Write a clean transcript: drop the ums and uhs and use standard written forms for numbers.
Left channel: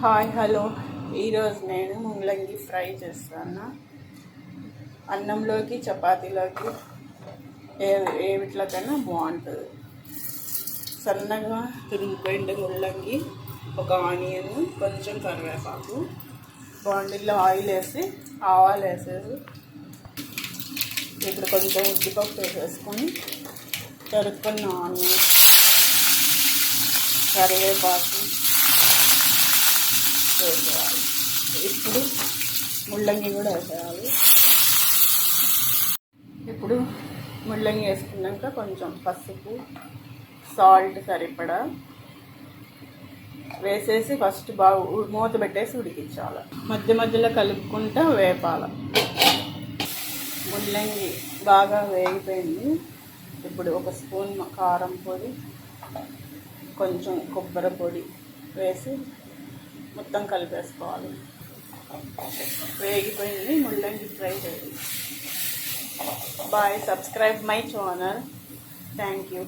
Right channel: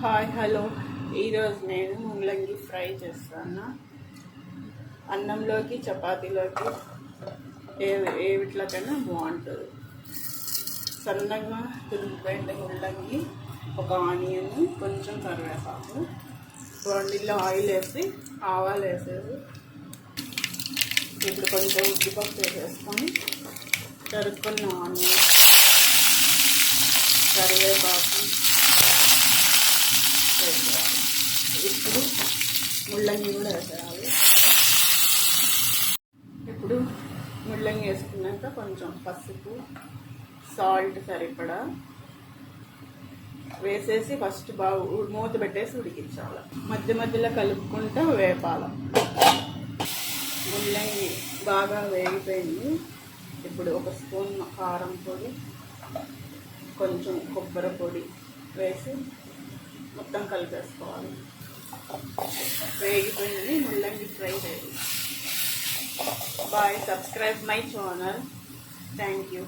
Hi hello, ఈరోజు నేను ముల్లంగి ఫ్రై చేస్తాను. అన్నంలోకి చపాతీలోకి వీటిలోకైనా బాగుంటుంది. సన్నగా తురిగిపోయిన ముల్లంగి, ఒక ఆనియన్, కొంచెం కరివేపాకు, బాండిల్లో ఆయిల్ వేసి ఆవాలు వేసేసి ఇప్పుడు కొంచెం ఉద్దిపప్పు వేసేసుకొని తరుక్కున్న ఆనియన్, కరివేపాకు వేసేయాలి. ఇప్పుడు ముల్లంగి కూడా వేసేయాలి. ఇప్పుడు ముల్లంగి వేసుకున్నాక కొంచెం పసుపు, సాల్ట్ సరిపడా వేసేసి ఫస్ట్ బాగా మూత పెట్టేసి ఉడికించాలి. మధ్య మధ్యలో కలుపుకుంటూ వేపాలి. ముల్లంగి బాగా వేగిపోయింది. ఇప్పుడు ఒక స్పూన్ కారం పొడి, కొంచెం కొబ్బరి పొడి వేసి మొత్తం కలిపేసుకోవాలి. వేగిపోయింది ముల్లంగి fry ready. Bye, subscribe my channel. Thank you.